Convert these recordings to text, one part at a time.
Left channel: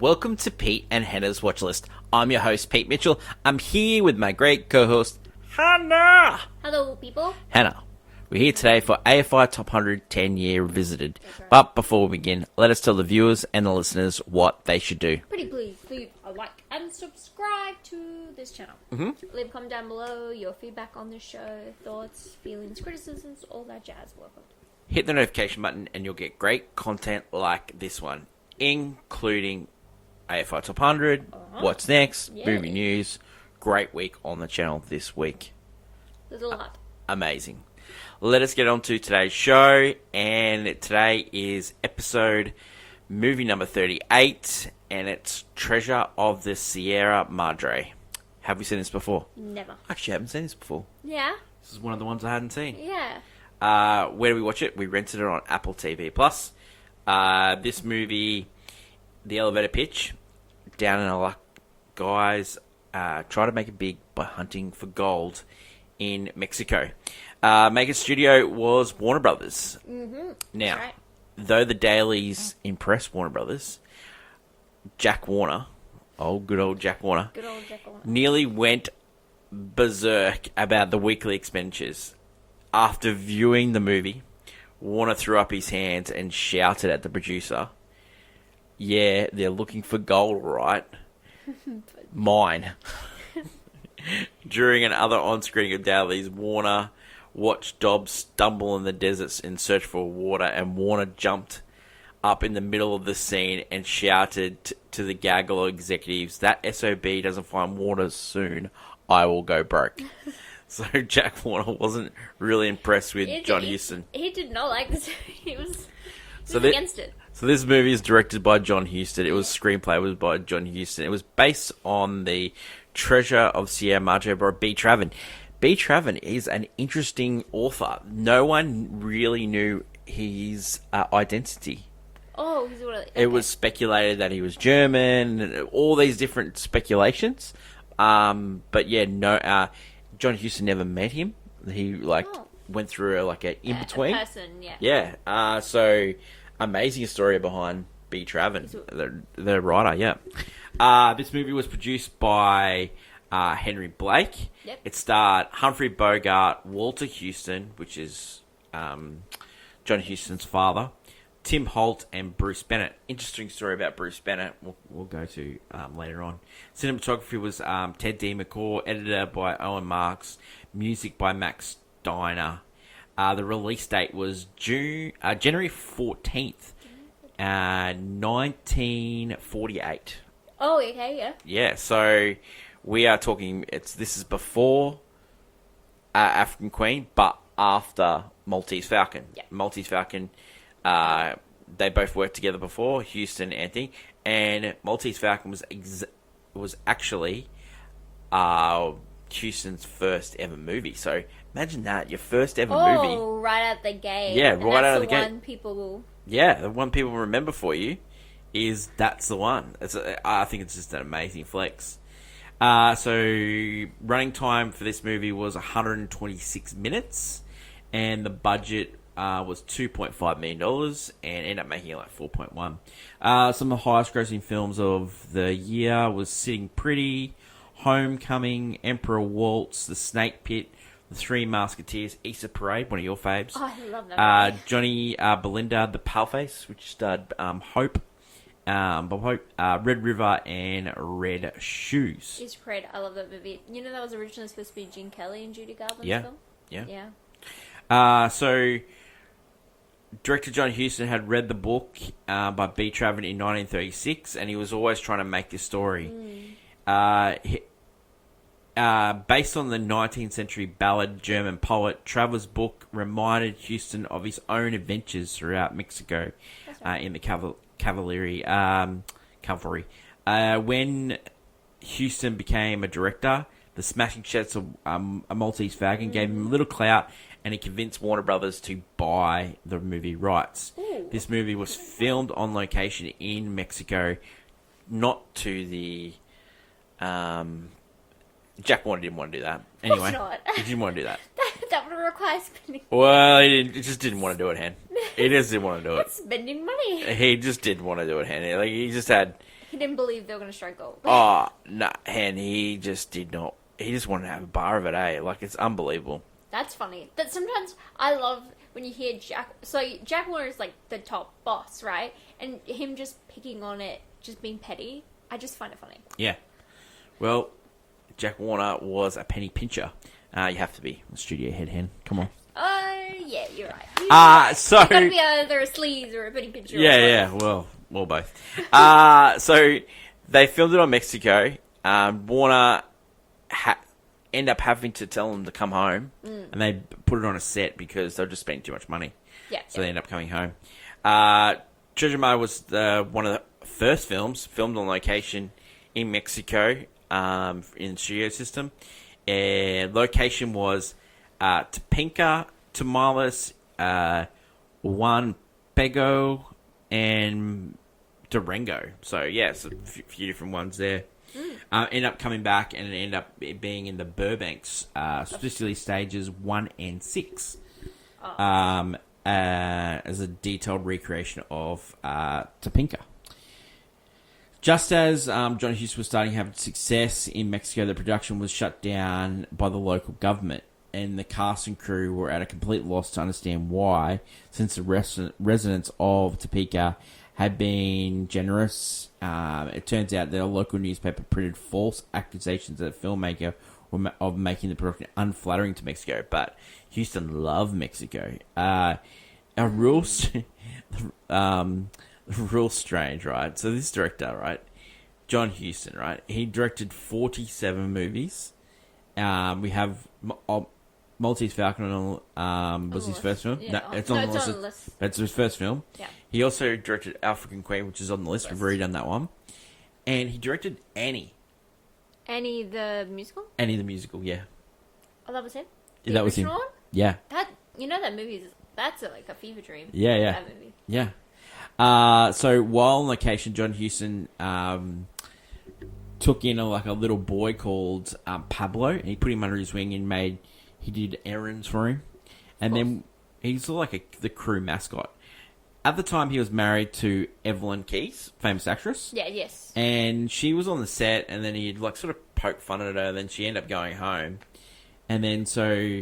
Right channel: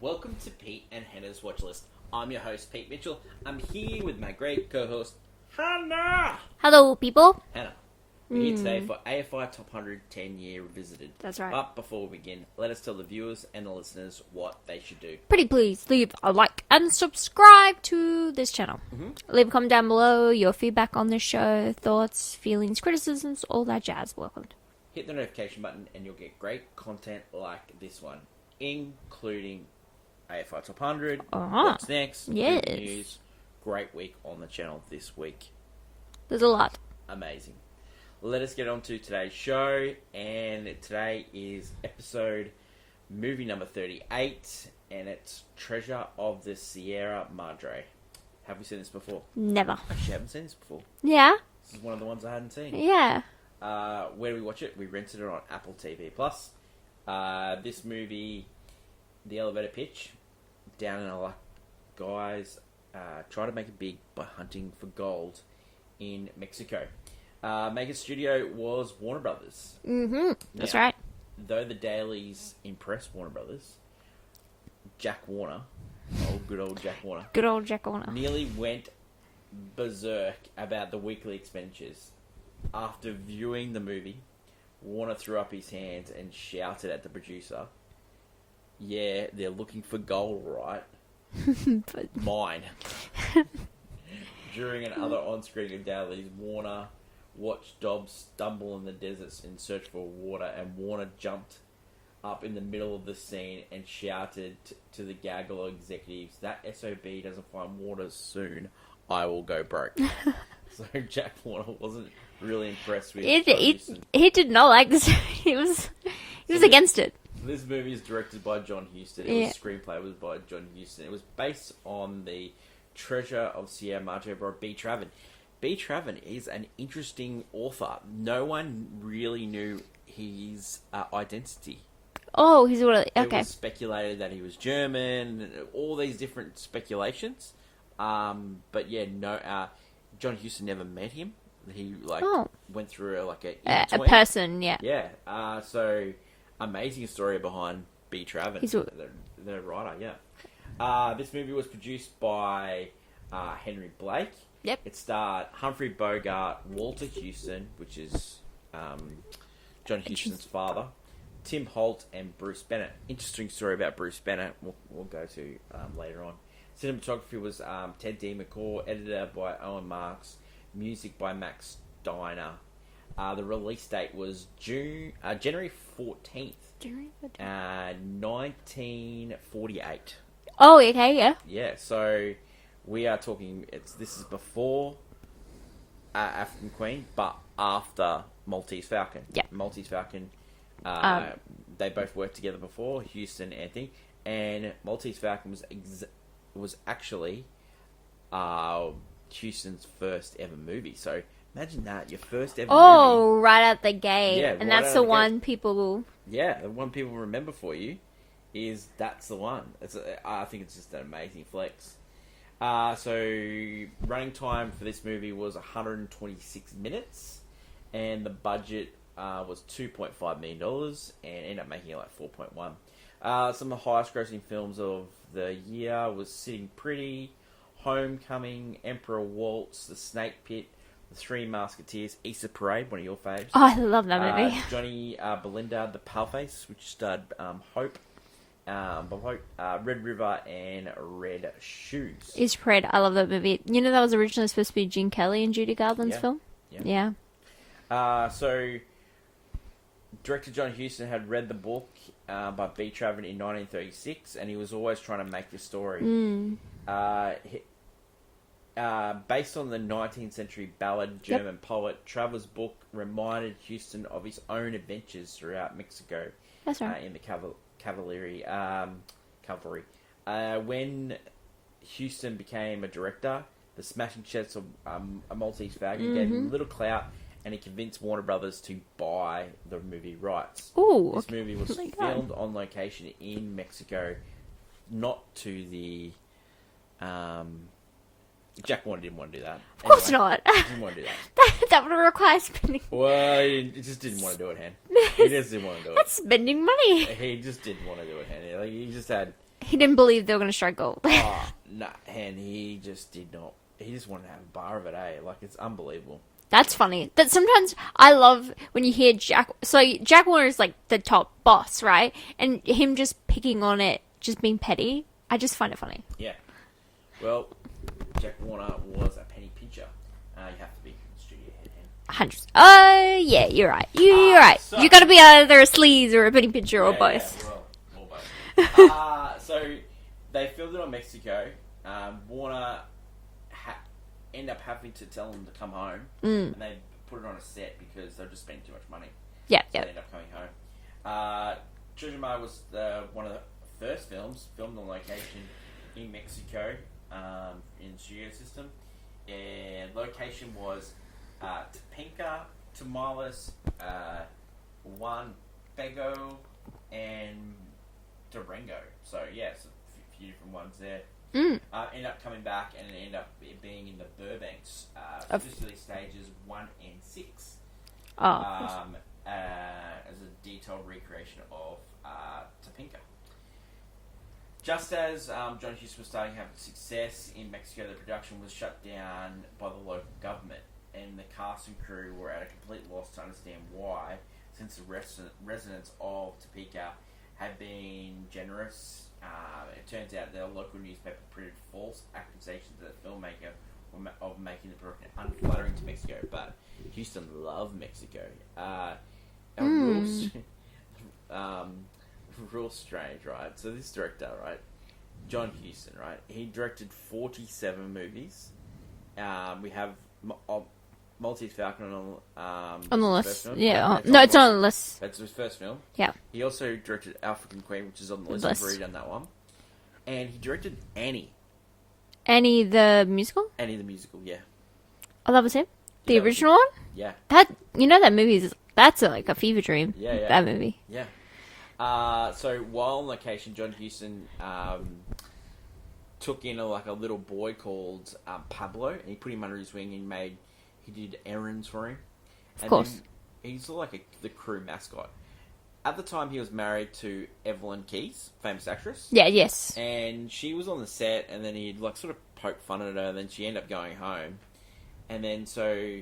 Welcome to Pete and Hannah's Watch List. I'm your host, Pete Mitchell. I'm here with my great co-host, Hannah. Hello, people. Hannah, we're here today for AFI Top 100 10-Year Revisited. That's right. But before we begin, let us tell the viewers and the listeners what they should do. Pretty please leave a like and subscribe to this channel. Leave a comment down below, your feedback on the show, thoughts, feelings, criticisms, all that jazz. Welcome. Hit the notification button and you'll get great content like this one, including AFI Top 100, What's Next, Yes. Movie News. Great week on the channel this week. There's a lot. Amazing. Let us get on to today's show, and today is movie number 38, and it's Treasure of the Sierra Madre. Have we seen this before? Never. Actually, I haven't seen this before. Yeah? This is one of the ones I hadn't seen. Yeah. Where do we watch it? We rented it on Apple TV+. This movie, the elevator pitch, down in a luck, guys try to make it big by hunting for gold in Mexico. Maker studio was Warner Brothers. Mm-hmm. That's Now, right. though the dailies impressed Warner Brothers, Jack Warner, good old Jack Warner, Good old Jack Warner. nearly went berserk about the weekly expenditures. After viewing the movie, Warner threw up his hands and shouted at the producer, "Yeah, they're looking for gold, right? Mine." During another on-screening of dailies, Warner watched Dobbs stumble in the deserts in search for water, and Warner jumped up in the middle of the scene and shouted to the gaggle of executives, "That SOB doesn't find water soon, I will go broke." So Jack Warner wasn't really impressed with John Huston. He did not like this. He was against it. So this movie is directed by John Huston. It was screenplay was by John Huston. It was based on the Treasure of Sierra Madre by B. Traven. B. Traven is an interesting author. No one really knew his identity. Oh, he's really... Okay. It was speculated that he was German, and all these different speculations. But yeah, no... John Huston never met him. He went through a in-between. A person, yeah. Yeah. So amazing story behind B. Traven, the writer. Yeah. This movie was produced by Henry Blake. Yep. It starred Humphrey Bogart, Walter Huston, which is John Huston's father, Tim Holt, and Bruce Bennett. Interesting story about Bruce Bennett. We'll go to later on. Cinematography was Ted D. McCaw, editor by Owen Marks, music by Max Steiner. The release date was January 14th, 1948. Oh, okay, yeah. Yeah, so we are talking, this is before African Queen, but after Maltese Falcon. Yeah. Maltese Falcon, they both worked together before, Huston, Anthony, and Maltese Falcon was actually Huston's first ever movie. So imagine that, your first ever movie. Oh, right out the gate. Yeah, and right that's out the the one gate. people will... Yeah, the one people remember for you is that's the one. I think it's just an amazing flex. So running time for this movie was 126 minutes, and the budget was $2.5 million, and ended up making it like 4.1. Some of the highest grossing films of the year was Sitting Pretty, Homecoming, Emperor Waltz, The Snake Pit, The Three Musketeers, Easter Parade, one of your faves. Oh, I love that movie. Johnny Belinda, The Paleface, which starred Hope, Red River, and Red Shoes. Easter Parade, I love that movie. You know that was originally supposed to be Gene Kelly and Judy Garland's film? Yeah. So director John Huston had read the book by B. Traven in 1936, and he was always trying to make this story. Based on the 19th century ballad German poet, Traver's book reminded Huston of his own adventures throughout Mexico. That's right. In the cavalry. When Huston became a director, the smashing success of A Maltese Falcon gave him little clout, and he convinced Warner Brothers to buy the movie rights. Ooh, this movie was filmed on location in Mexico, not to the... Jack Warner didn't want to do that. Of course not. He didn't want to do that. That would require spending... Well, he just didn't want to do it, Han. He just didn't want to do it. That's spending money. He just didn't want to do it, Han. Like, he just had... He didn't believe they were going to strike gold. Oh, no, and he just did not. He just wanted to have a bar of it, eh? Like, it's unbelievable. That's funny. That sometimes I love when you hear Jack. So Jack Warner is like the top boss, right? And him just picking on it, just being petty. I just find it funny. Yeah. Well, Jack Warner was a penny pincher. You have to be a studio head hen. Come on. Oh, yeah, you're right. You're right. So- You're going to be either a sleaze or a penny pincher or both. Yeah, well, both. So they filmed it on Mexico. Warner ended up having to tell them to come home, and they put it on a set because they were just spending too much money. Yeah. So they ended up coming home. Treasure Mother was one of the first films filmed on location in Mexico in the studio system. Location was Topinka, Tamales, Juan Pego, and Durango. So, yeah, it's a few different ones there. End up coming back and end up being in the Burbanks, specifically stages 1 and 6. As a detailed recreation of Topinka. Just as John Huston was starting to have success in Mexico, the production was shut down by the local government, and the cast and crew were at a complete loss to understand why, since the residents of Topeka had been generous. It turns out that a local newspaper printed false accusations that the filmmaker of making the production unflattering to Mexico, but Houston loved Mexico. Real strange, right? So this director, right, John Huston, right, he directed 47 movies. We have Maltese Falcon on the list. first film. Yeah, it's it's on the list. That's his first film. Yeah. He also directed African Queen, which is on the list. We've already done that one. And he directed Annie. Annie the musical? Annie the musical, yeah. Oh, that was him? The That was original him. one? Yeah. That that movie that's like a fever dream. Yeah. That movie. Yeah. So while on location, John Huston took in a little boy called Pablo, and he put him under his wing and he did errands for him, and then he's sort of like the crew mascot. At the time, he was married to Evelyn Keyes, famous actress. Yeah. Yes. And she was on the set, and then he'd sort of poke fun at her, and then she ended up going home, and then so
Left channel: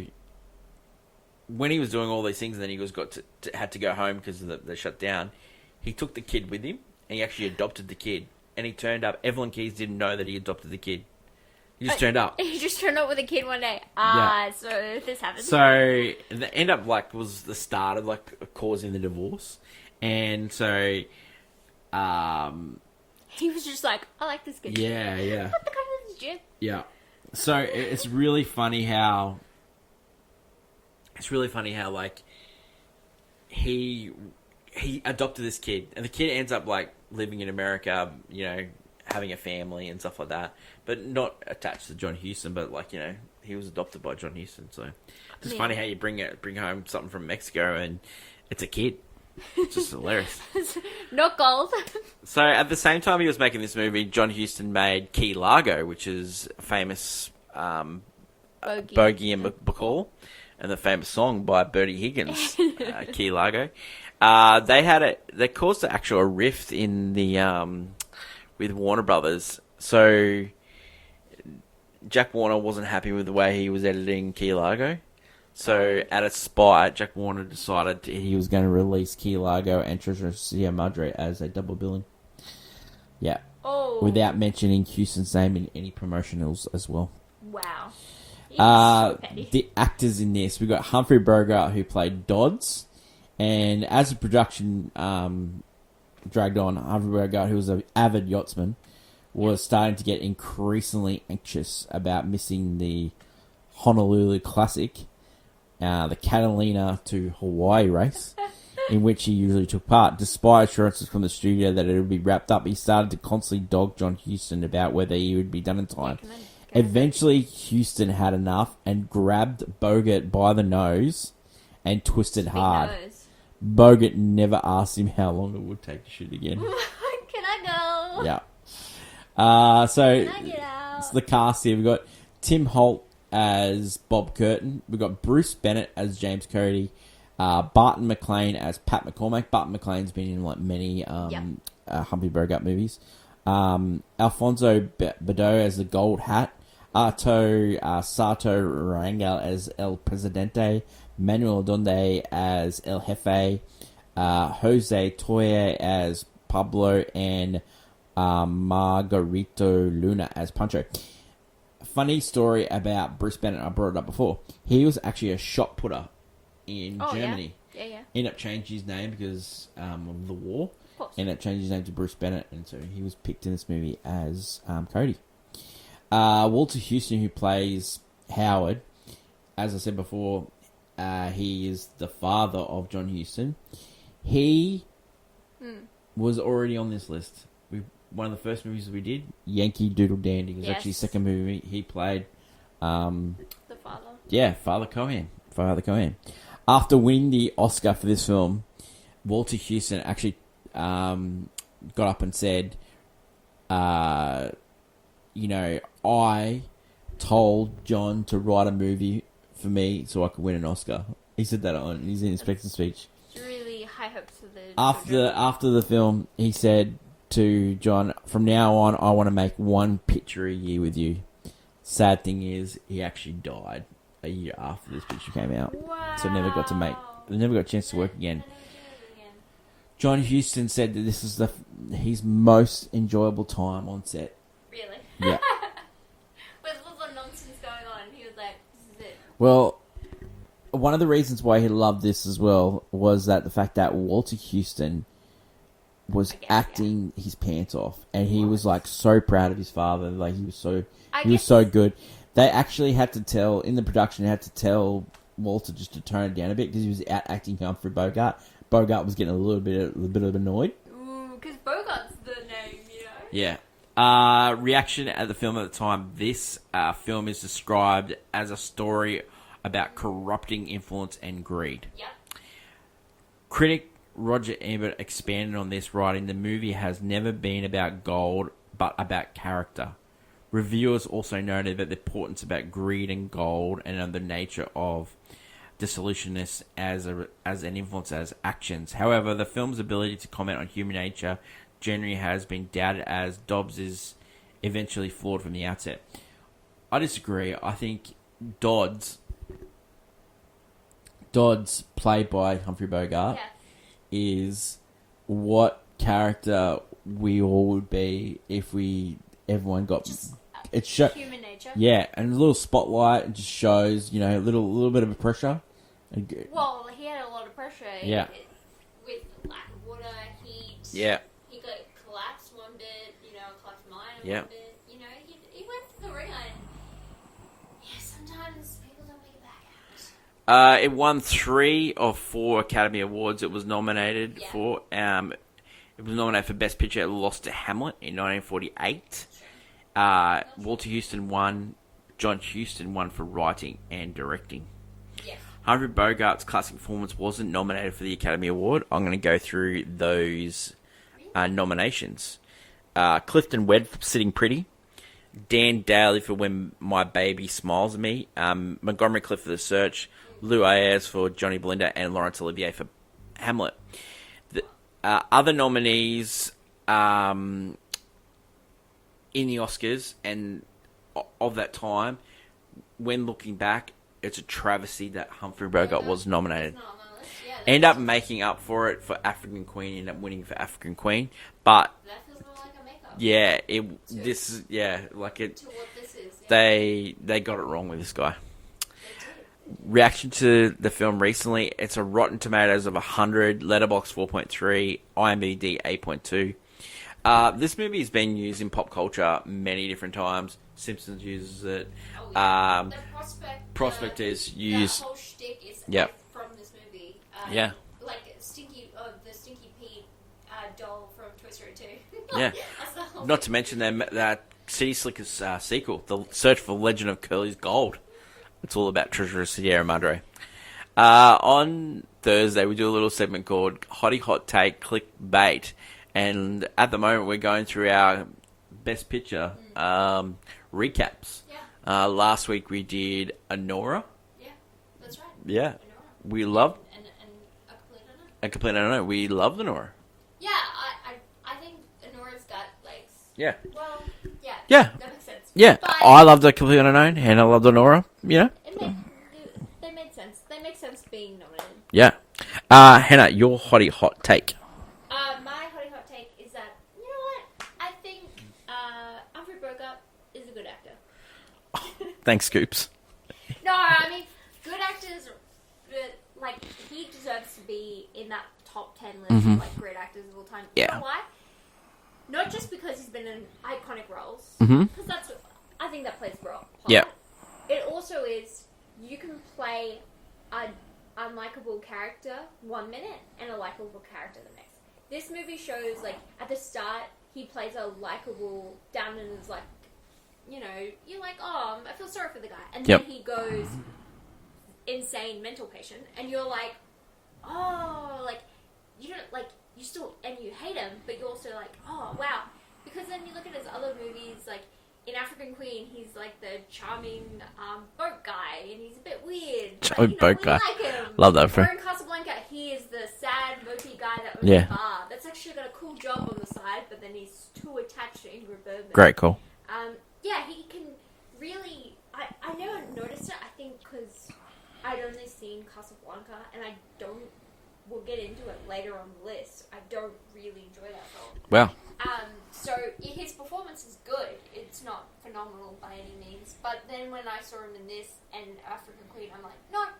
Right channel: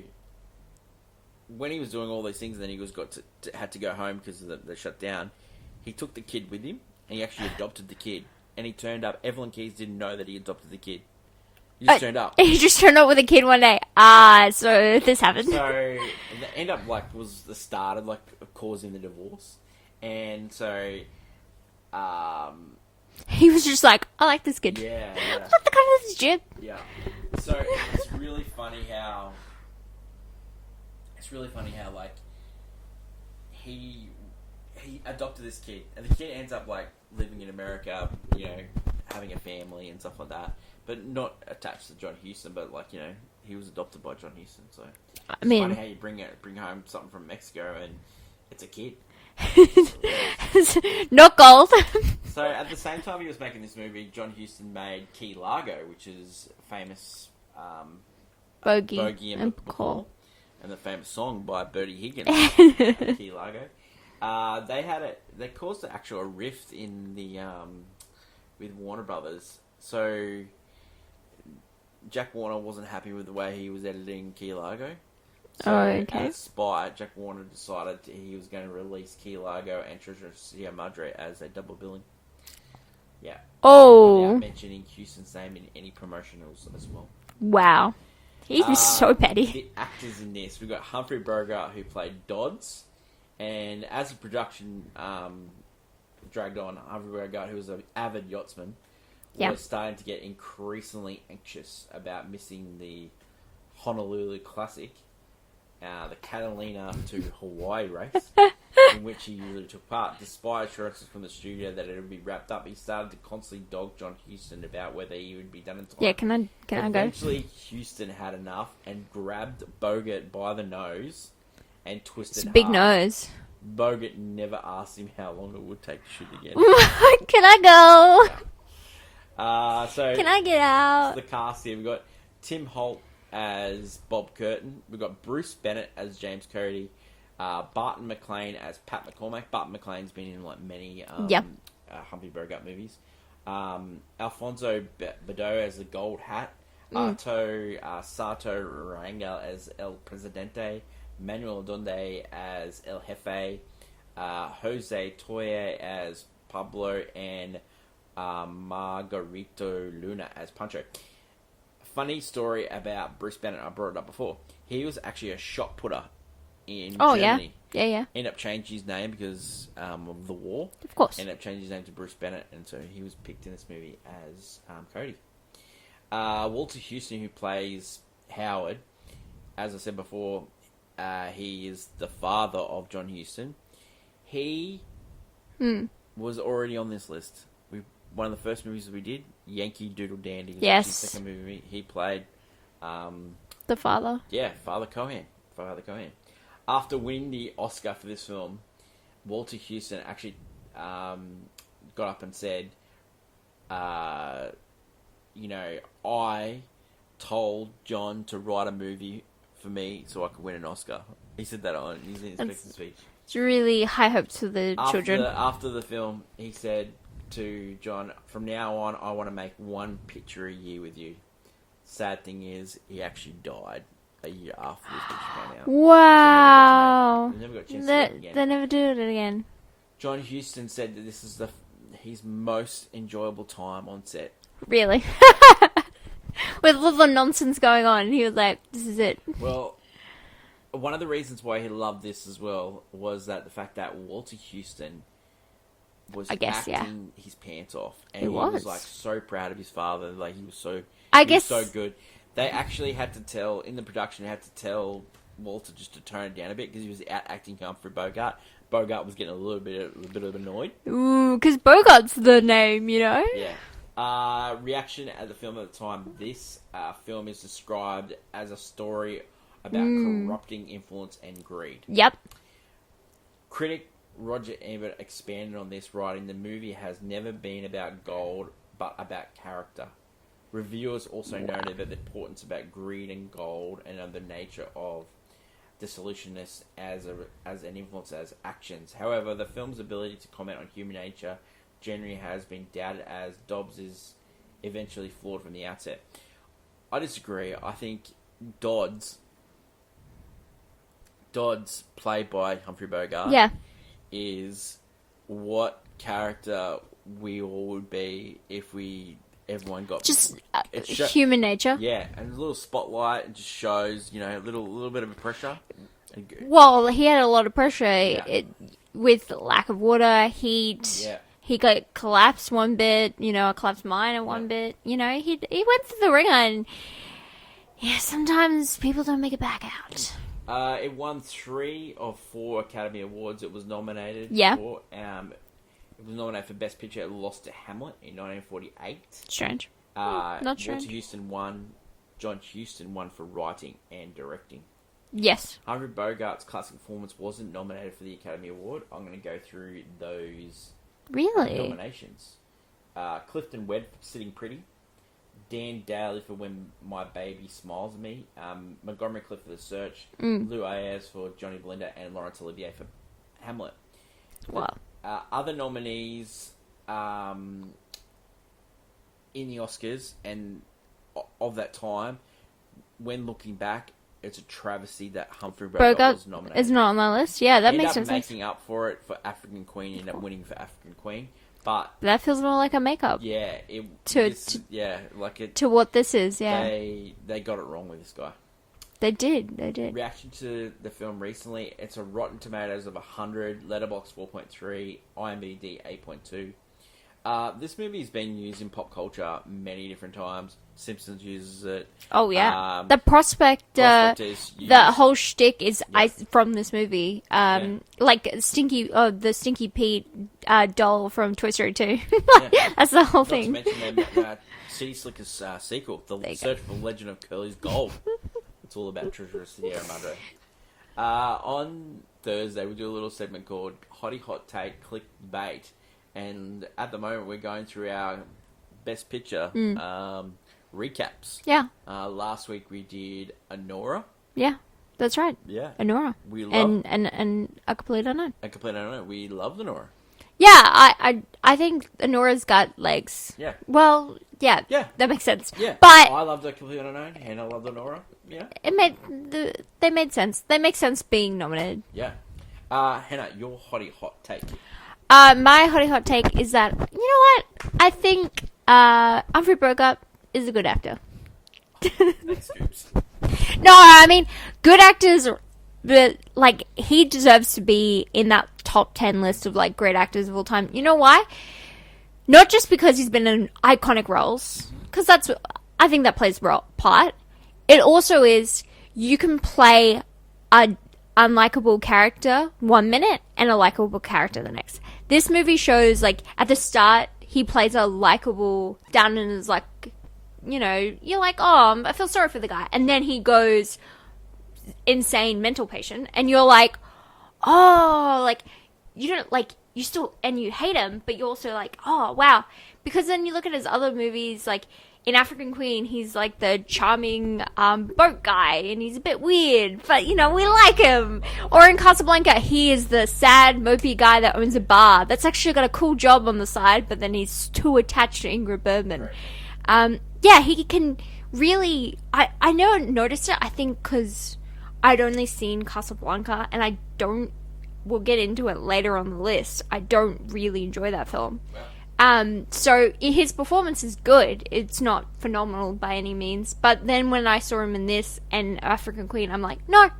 when he was doing all these things, and then he had to go home because of the shutdown. He took the kid with him, and he actually adopted the kid. And he turned up. Evelyn Keyes didn't know that he adopted the kid. He just turned up. He just turned up with a kid one day. So this happened. So the end up was the start of causing the divorce, and so he was just like, I like this kid. Yeah. What the kind of this jib? Yeah. So it's really funny how he adopted this kid, and the kid ends up living in America, having a family and stuff like that, but not attached to John Huston, but he was adopted by John Huston. So it's funny how you bring home something from Mexico and it's a kid. It's just hilarious. Not gold. So at the same time he was making this movie, John Huston made Key Largo, which is a famous Bogey and Bacall, and the famous song by Bertie Higgins, Key Largo. They caused a rift in the with Warner Brothers. So Jack Warner wasn't happy with the way he was editing Key Largo. So out of spite, Jack Warner decided he was going to release Key Largo and Treasure Madre as a double billing. Yeah. Oh. Without mentioning Houston's name in any promotionals as well. Wow. He was so petty. The actors in this, we've got Humphrey Bogart, who played Dodds. And as the production dragged on, Humphrey Bogart, who was an avid yachtsman, was starting to get increasingly anxious about missing the Honolulu Classic, the Catalina to Hawaii race, in which he usually took part. Despite assurances from the studio that it would be wrapped up, he started to constantly dog John Huston about whether he would be done in time. Yeah, can I Eventually, Huston had enough and grabbed Bogart by the nose and twisted hard. Big nose. Bogart never asked him how long it would take to shoot again. Can I go? Yeah. So can I get out? The cast here, we've got Tim Holt as Bob Curtin. We've got Bruce Bennett as James Cody. Barton McLean as Pat McCormack. Barton McLean's been in many Humphrey Bogart movies. Alfonso Bedo as the Gold Hat, Arto Sato Rangel as El Presidente, Manuel Donde as El Jefe, Jose Toye as Pablo, and Margarito Luna as Pancho. Funny story about Bruce Bennett, I brought it up before. He was actually a shot putter in Germany. Yeah. Ended up changing his name because of the war. Of course. Ended up changing his name to Bruce Bennett, and so he was picked in this movie as Cody. Walter Houston, who plays Howard, as I said before, he is the father of John Huston. He was already on this list. One of the first movies we did, Yankee Doodle Dandy. It was actually the second movie he played. The father. Yeah, Father Cohen. After winning the Oscar for this film, Walter Houston actually got up and said, I told John to write a movie for me so I could win an Oscar. He said that on his inspector speech. It's really high hopes for the children. After the film, he said to John, from now on, I want to make one picture a year with you. Sad thing is, he actually died a year after this picture came out. Wow. So they never got a chance to work again. They never did it again. John Huston said that this is his most enjoyable time on set. Really? Yeah. With all the nonsense going on, he was like, this is it. Well, one of the reasons why he loved this as well was that the fact that Walter Houston was acting his pants off, and he was like so proud of his father. Like he was so good. They actually had to tell in the production. They had to tell Walter just to tone it down a bit because he was out acting Humphrey Bogart. Bogart was getting a little bit annoyed. Ooh, because Bogart's the name, you know. Yeah. Reaction at the film at the time. This film is described as a story about corrupting influence and greed. Yep. Critic Roger Ebert expanded on this, writing, "The movie has never been about gold, but about character." Reviewers also noted that the importance about greed and gold and the nature of dissolutionness as an influence as actions. However, the film's ability to comment on human nature generally has been doubted, as Dobbs is eventually flawed from the outset. I disagree. I think Dodds, played by Humphrey Bogart, is what character we all would be if everyone got just human nature. Yeah, and a little spotlight just shows, a little bit of a pressure. Well, he had a lot of pressure with lack of water, heat. Yeah. He got collapsed one bit, a collapsed mine in one bit. He went through the ringer, and sometimes people don't make it back out. It won 3 of 4 Academy Awards it was nominated for. It was nominated for Best Picture. It lost to Hamlet in 1948. Strange. Not strange. Walter Houston won. John Huston won for writing and directing. Yes. Humphrey Bogart's classic performance wasn't nominated for the Academy Award. I'm going to go through those nominations. Clifton Webb for Sitting Pretty. Dan Daly for When My Baby Smiles at Me. Montgomery Clift for The Search. Lou Ayres for Johnny Belinda. And Laurence Olivier for Hamlet. Wow. Other nominees in the Oscars and of that time, when looking back, it's a travesty that Humphrey Bogart was nominated. It's not on my list. Yeah, that ended makes up sense. making up for it for African Queen. Ended up winning for African Queen, but that feels more like a makeup. Yeah, to what this is. Yeah, they got it wrong with this guy. They did. Reaction to the film recently: it's a Rotten Tomatoes of 100, Letterboxd 4.3, IMDb 8.2. This movie has been used in pop culture many different times. Simpsons uses it. Oh yeah, the prospect is used. The whole shtick is from this movie. Like the Stinky Pete doll from Toy Story 2. That's the whole thing. Not to mention that City Slickers sequel, The Search for Legend of Curly's Gold. It's all about Treasure of Sierra Madre. On Thursday, we do a little segment called Hottie Hot Take Clickbait. And at the moment, we're going through our Best Picture recaps. Yeah. Last week, we did Anora. Yeah, that's right. Yeah. Anora. We love... And A Complete Unknown. A Complete Unknown. We love Anora. Yeah, I think Honora's got legs. Yeah. Well, yeah. Yeah. That makes sense. Yeah. But I loved The Completely Unknown, Hannah loved Honora. Yeah. they made sense. They make sense being nominated. Yeah. Hannah, your hot take. My hot take is that, you know what? I think Humphrey Bogart is a good actor. Thanks, Scoops. No, I mean, good actors, but, like, he deserves to be in that top 10 list of, like, great actors of all time. You know why? Not just because he's been in iconic roles, because I think that plays a part. Yeah. It also is, you can play a unlikable character 1 minute and a likable character the next. This movie shows, like, at the start, he plays a likable, down and is like, you know, you're like, oh, I feel sorry for the guy. And then he goes insane mental patient. And you're like, oh, like, you don't, like, you still, and you hate him, but you're also like, oh, wow. Because then you look at his other movies, like, in African Queen, he's like the charming boat guy, and he's a bit weird, but, you know, we like him. Love that. Or in Casablanca, he is the sad, mopey guy that owns a bar. That's actually got a cool job on the side, but then he's too attached to Ingrid Bergman. Great call. Yeah, he can really... I never noticed it, I think, because I'd only seen Casablanca, and I don't... We'll get into it later on the list. I don't really enjoy that film. Wow. So his performance is good. It's not phenomenal by any means. But then when I saw him in this and African Queen, I'm like, no,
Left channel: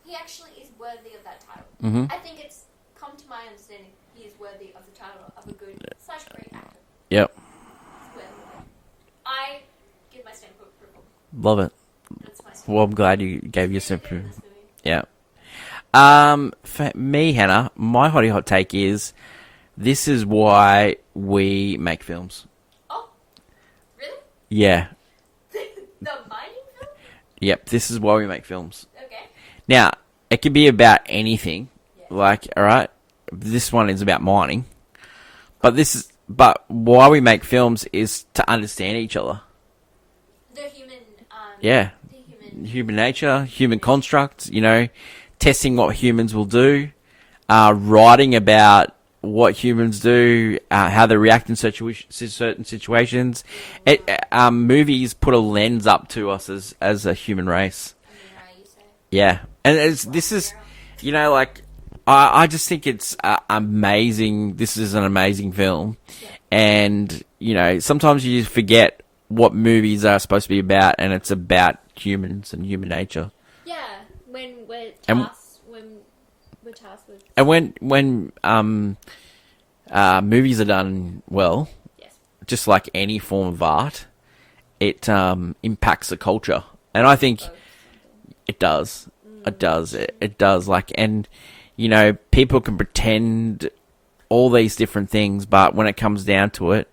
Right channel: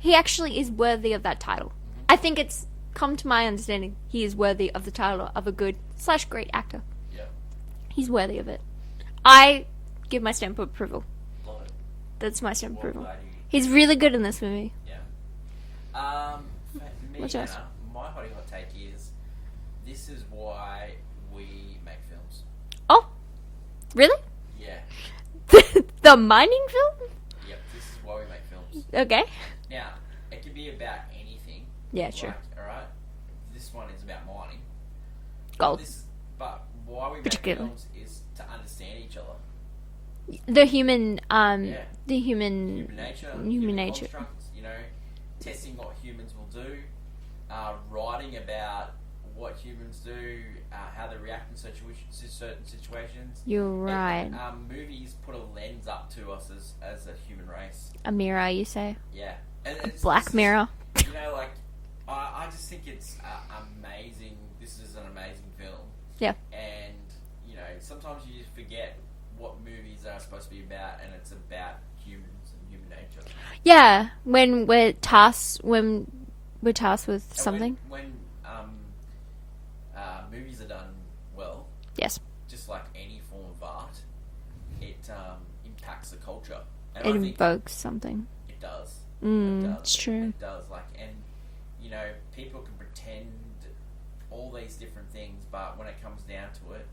he actually is worthy of that title. Mm-hmm. I think it's come to my understanding he is worthy of the title of a good/great actor. Yep. He's worthy of it. I give my stamp of approval. Love it. That's my stamp. Well, I'm glad you gave He's really good in this movie. Yeah. For me, Hannah, my hot take is this is why we make films. Oh, really? Yeah. The mining film? Yep, this is why we make films. Okay. Now, it could be about anything. Yeah. Sure. Like, all right, this one is about mining. Oh. But why we make films is to understand each other. The human, the human nature, human construct, you know, testing what humans will do, writing about what humans do, how they react in certain situations. Right. Movies put a lens up to us as a human race. A mirror, you say? Yeah. And Black mirror. You know, like, I just think it's amazing. This is an amazing film. Yeah. And, you know, sometimes you forget what movies are supposed to be about, and it's about humans and human nature. Yeah, when we're tasked with something. And when movies are done well, yes, just like any form of art, it impacts the culture. And I think something. It does. It does. It does. Like, and you know, people can pretend all these different things, but when it comes down to it,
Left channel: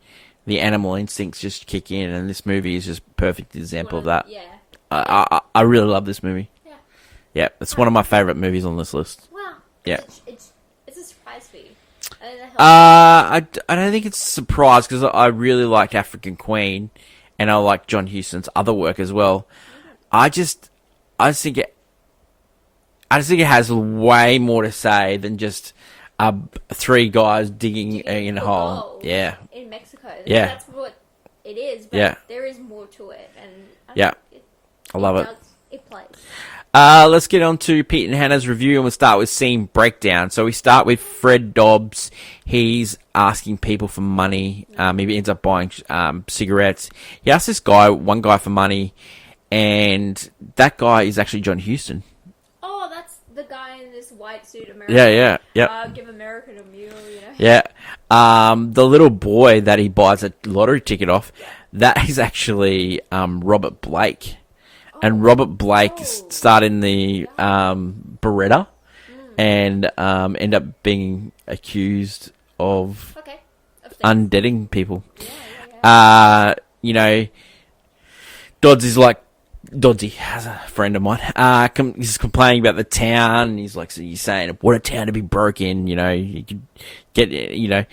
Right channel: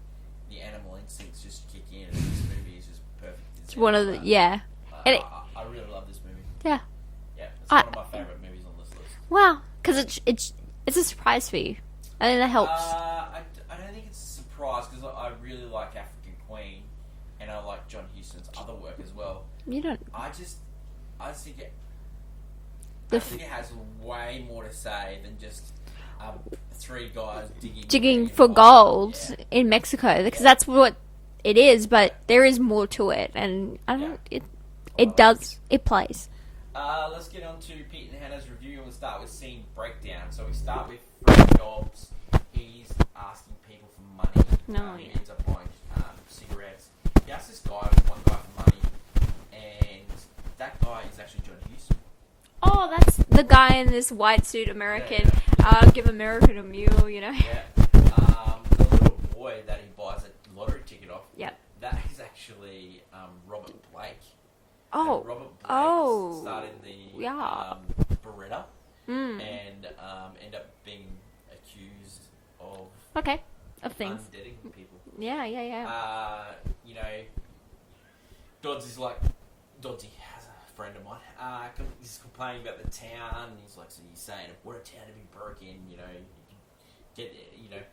the animal instincts just kick in, and this movie is just a perfect example of that. Yeah. I really love this movie. Yeah. Yeah, it's one of my favourite movies on this list. Wow. Because it's a surprise for you. I think that helps. I don't think it's a surprise, because I really like African Queen, and I like John Huston's other work as well. You don't... I just think it has way more to say than just three guys digging in for a hole. Gold in Mexico. Because Yeah. that's what it is, but there is more to it, and it plays. Let's get on to Pete and Hannah's review, and we'll start with scene breakdown. So we start with Fred Dobbs. He's asking people for money. He ends up buying cigarettes. He asks one guy for money, and that guy is actually John Huston. Oh, that's the guy in this white suit, American. Yeah. Give American a mule, you know. Yeah. The little boy that he buys a lottery ticket off, that is actually Robert Blake. Oh. And Robert Blake starred in the Beretta and end up being accused of undeading people. Yeah. You know, Doddsy has a friend of mine. He's complaining about the town. And he's like, so you're saying, what a town to be broke in, you know, you could get, you know,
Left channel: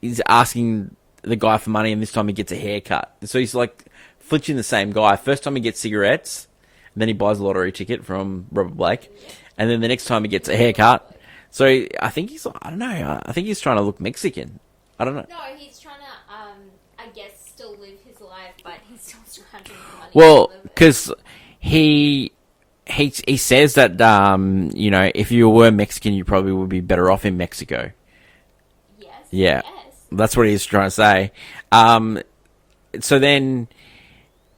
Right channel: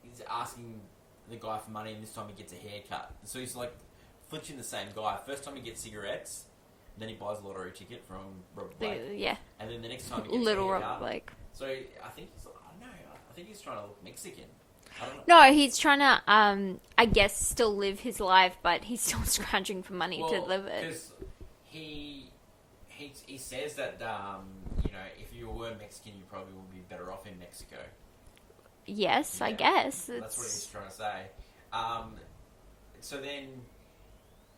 he's asking the guy for money, and this time he gets a haircut. So he's like flinching the same guy. First time he gets cigarettes, and then he buys a lottery ticket from Robert Blake. Yeah. And then the next time he gets a haircut. So I think I don't know. I think he's trying to look Mexican. I don't know. No, he's trying to, I guess, still live his life, but he's still scrounging for money Well, to live it. because he says that if you were Mexican, you probably would be better off in Mexico. Yes, Yeah, I guess. that's what he's trying to say. So then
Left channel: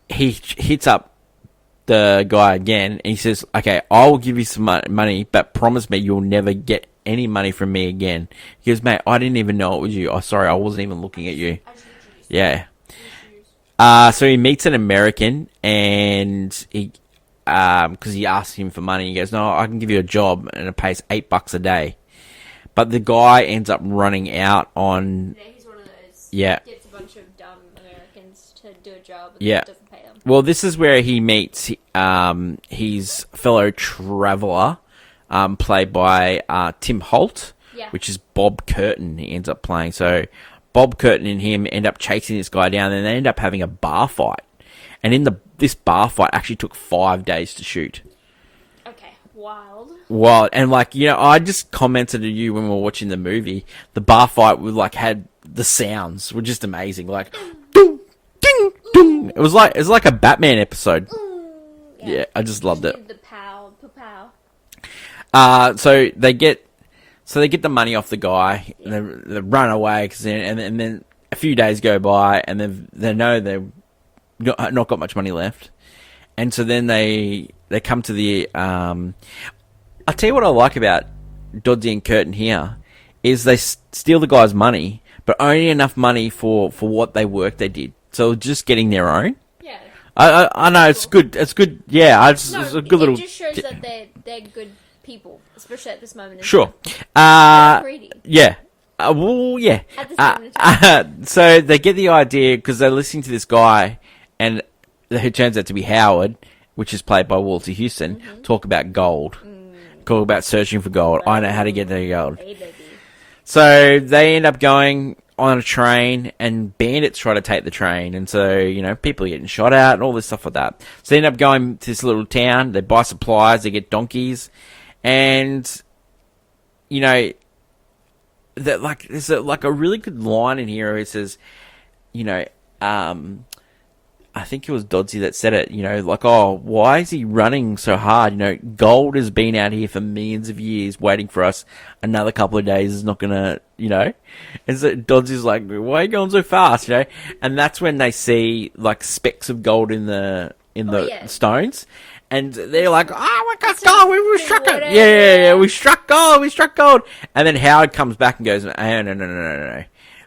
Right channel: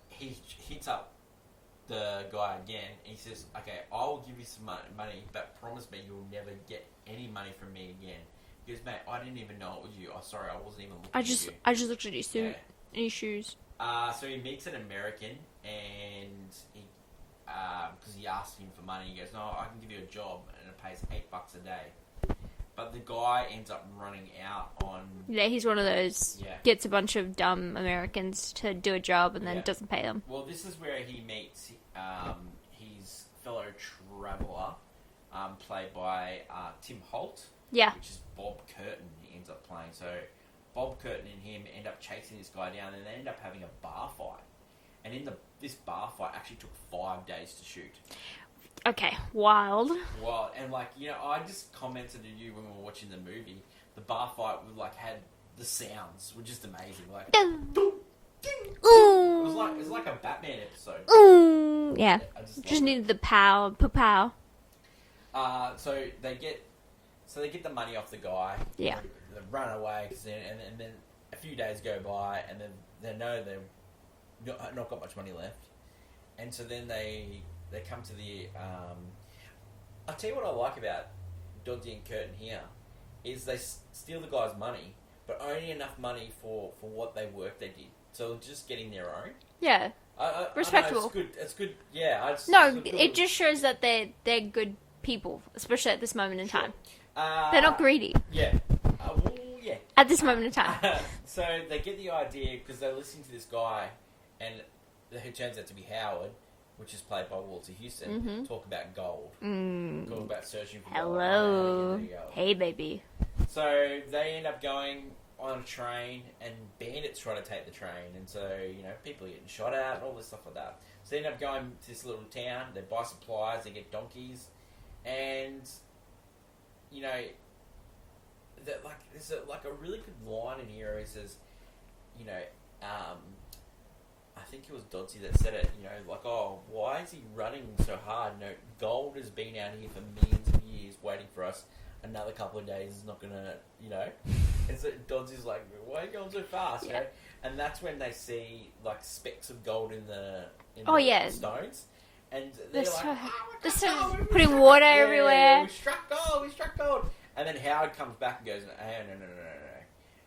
he hits up the guy again, and he says, "Okay, I will give you some money, but promise me you'll never get any money from me again." He goes, "Mate, I didn't even know it was you. Oh, sorry, I wasn't even looking at you." I just looked at you. Yeah. Your shoes. So he meets an American, and he, because he asks him for money, he goes, "No, I can give you a job, and it pays $8 a day." But the guy ends up running out on... Yeah, he's one of those... Yeah. Gets a bunch of dumb Americans to do a job and then doesn't pay them. Well, this is where he meets his fellow traveller, played by Tim Holt, which is Bob Curtin he ends up playing. So Bob Curtin and him end up chasing this guy down, and they end up having a bar fight. And this bar fight actually took 5 days to shoot. Okay, wild. Wild. And, I just commented to you when we were watching the movie, the bar fight had the sounds were just amazing. Like, ding, ding, ding. It was like a Batman episode. Yeah, I just loved it. Needed the pow. So they get the money off the guy, and they run away, and then a few days go by, and they know they've not got much money left. And so then they come to the... I'll tell you what I like about Doddsy and Curtin here, is they steal the guy's money, but only enough money for what they did. So just getting their own. Yeah. I know, it's good. It's good. Yeah, it's a good little... It just shows that they're good people, especially at this moment in time. They're not greedy. Yeah. Well, yeah. At this moment in time. So they get the idea, because they're listening to this guy, and... who turns out to be Howard, which is played by Walter Houston, talk about gold. Talk about searching for gold. I know how to get the gold. Hey, baby. So they end up going on a train, and bandits try to take the train. And so, people are getting shot at and all this stuff like that. So they end up going to this little town. They buy supplies. They get donkeys. And, there's a really good line in here where it says, I think it was Doddsy that said it, why is he running so hard? Gold has been out here for millions of years waiting for us. Another couple of days is not going to, And so Doddsy's like, why are you going so fast, And that's when they see, specks of gold in the stones. And they're like, oh, we got gold, we struck it. Yeah, we struck gold. And then Howard comes back and goes, no.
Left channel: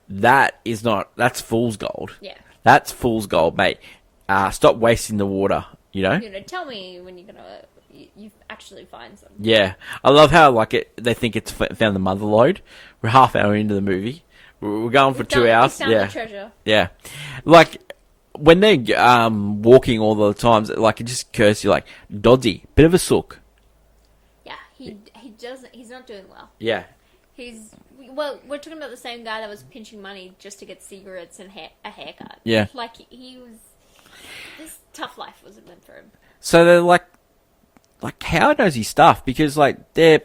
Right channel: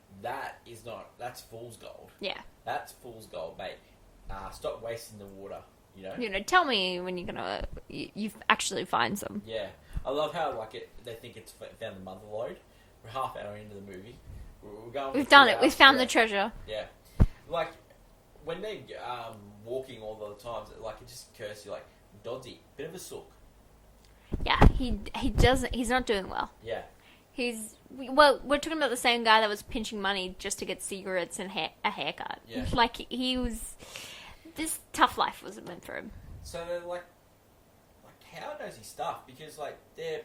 That's fool's gold. Yeah. That's fool's gold, mate. Stop wasting the water, Tell me when you're gonna you actually find some. Yeah, I love how they think it's found the mother lode. We're half hour into the movie. We're going for 2 hours. We found the treasure. Yeah, when they're walking all the times, it just occurs to you, Doddsy, bit of a sook. Yeah, he doesn't. He's not doing well. Yeah. Well, we're talking about the same guy that was pinching money just to get cigarettes and a haircut. Yeah. He was... This tough life wasn't meant for him. So they're Howard knows his stuff, because, they're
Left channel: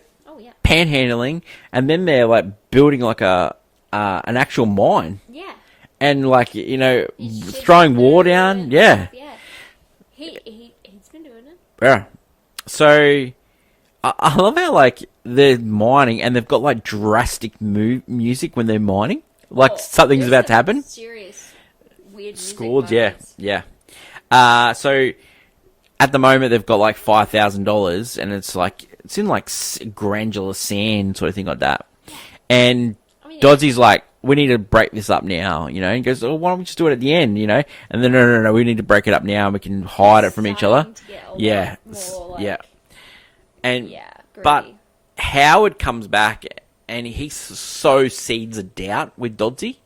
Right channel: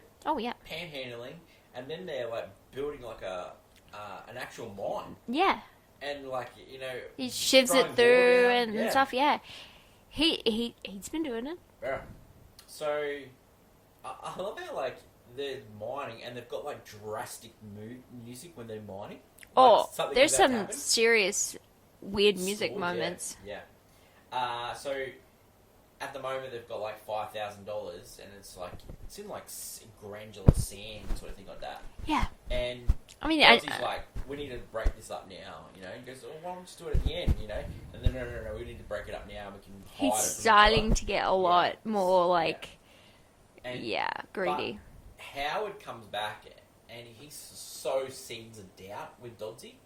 panhandling, and then they're, building, an actual mine. Yeah. And, throwing war down. Yeah. Stuff, yeah. He's been doing it. Yeah. So... I love how, they're mining, and they've got, drastic music when they're mining. Something's about to happen. Serious, weird music Scored, moments. yeah. So, at the moment, they've got, $5,000, and it's in, granular sand, sort of thing like that. Yeah. And Doddsy's we need to break this up now, and he goes, oh, why don't we just do it at the end, And then, no, we need to break it up now, and we can hide it from each other. To get a lot more, Yeah. And greedy. But Howard comes back, and he sows seeds of doubt with Doddsy,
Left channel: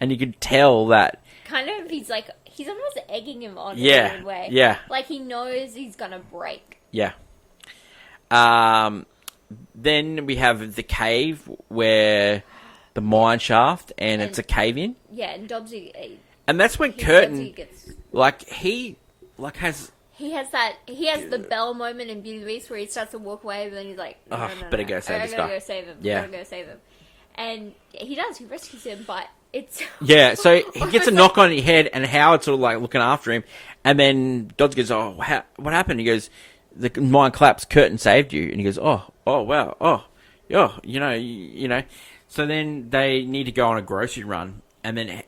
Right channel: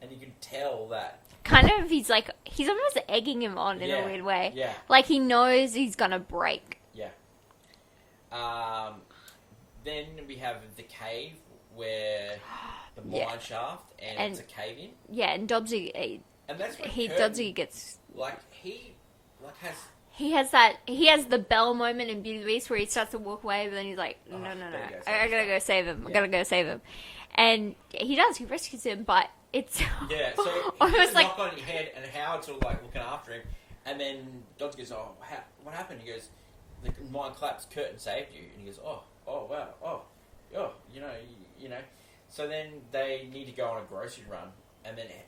and you could tell that kind of he's almost egging him on in a weird way. Yeah. He knows he's gonna break. Yeah. Then we have the cave where the mine shaft, and it's a cave in. Yeah, and Doddsy. And that's when Curtin Doddsy gets he has He has the Belle moment in Beauty and the Beast where he starts to walk away, but then he's like, no, better go save this I gotta go save him. Yeah. Gotta go save him. And he does. He rescues him, but it's... Yeah, so he gets a knock on his head, and Howard's sort of like looking after him, and then Dodds goes, oh, what happened? He goes, the mine collapsed, Curtin saved you. And he goes, oh, wow, yeah, you know. So then they need to go on a grocery run, and then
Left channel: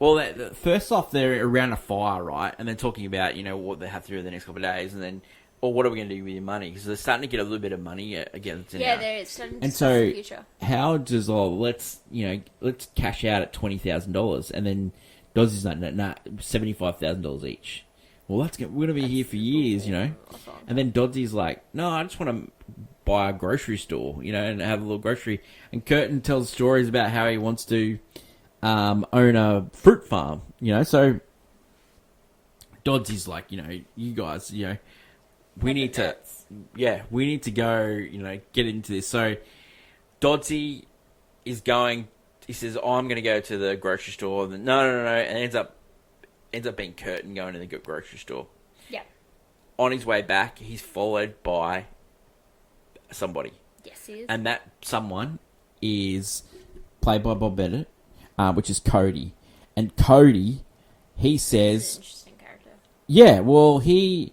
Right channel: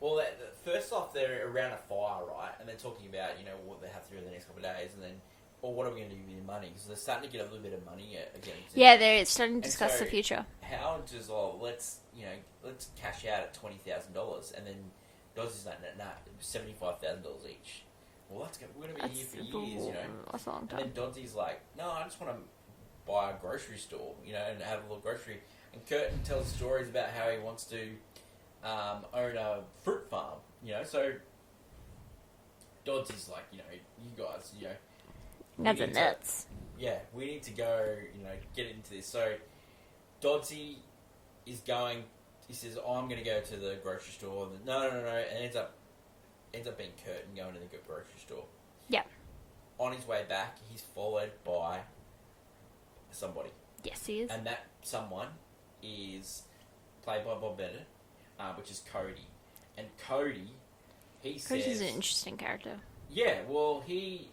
well, first off, they're around a fire, right? And they're talking about, what they have to do the next couple of days, and then, what are we going to do with your money? Because they're starting to get a little bit of money again. Yeah, they're starting to discuss the future. Howard just, let's cash out at $20,000, and then Dodds is like, nah, $75,000 each. Well, we're going to be here for years, And then Doddsy's like, no, I just want to buy a grocery store, and have a little grocery. And Curtin tells stories about how he wants to own a fruit farm, So Doddsy's like, you guys, we need to go, get into this. So Doddsy is going. He says, I'm going to go to the grocery store. And no, and ends up being Curtin going to the grocery store. Yeah. On his way back, he's followed by somebody. Yes, he is. And that someone is played by Bob Bennett, which is Cody. And Cody, he says... He's an interesting character. Yeah, well, he's